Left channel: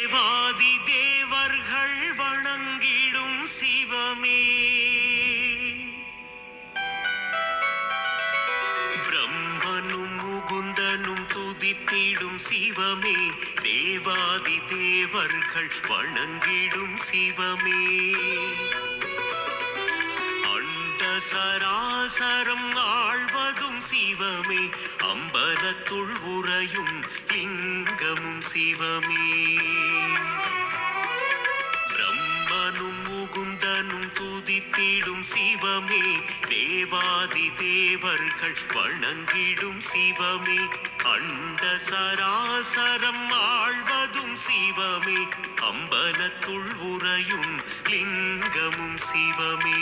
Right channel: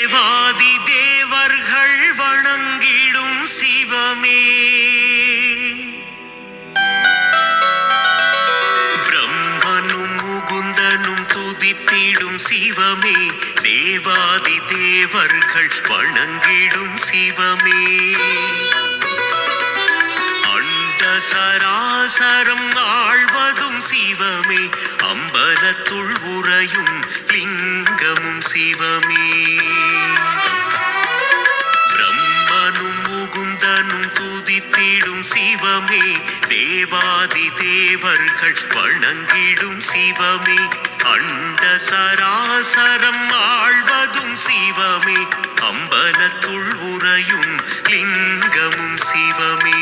தேவாதி தேவர்கள் வணங்கிடும் சிவமே, பிரம்மனும் முகுந்தனும் துதித்திடும் சிவமே, தேவாதி தேவர்கள் வணங்கிடும் சிவமே, அண்ட சராசரம் ஆழ்வதும் சிவமே, அம்பலத்துள் உறையும் லிங்கமும் சிவமே, பிரம்மனும் முகுந்தனும் துதித்திடும் சிவமே, தேவாதி தேவர்கள் வணங்கிடும் சிவமே, அண்ட சராசரம் ஆழ்வதும் சிவமே, அம்பலத்துள் உறையும் லிங்கமும் சிவமே.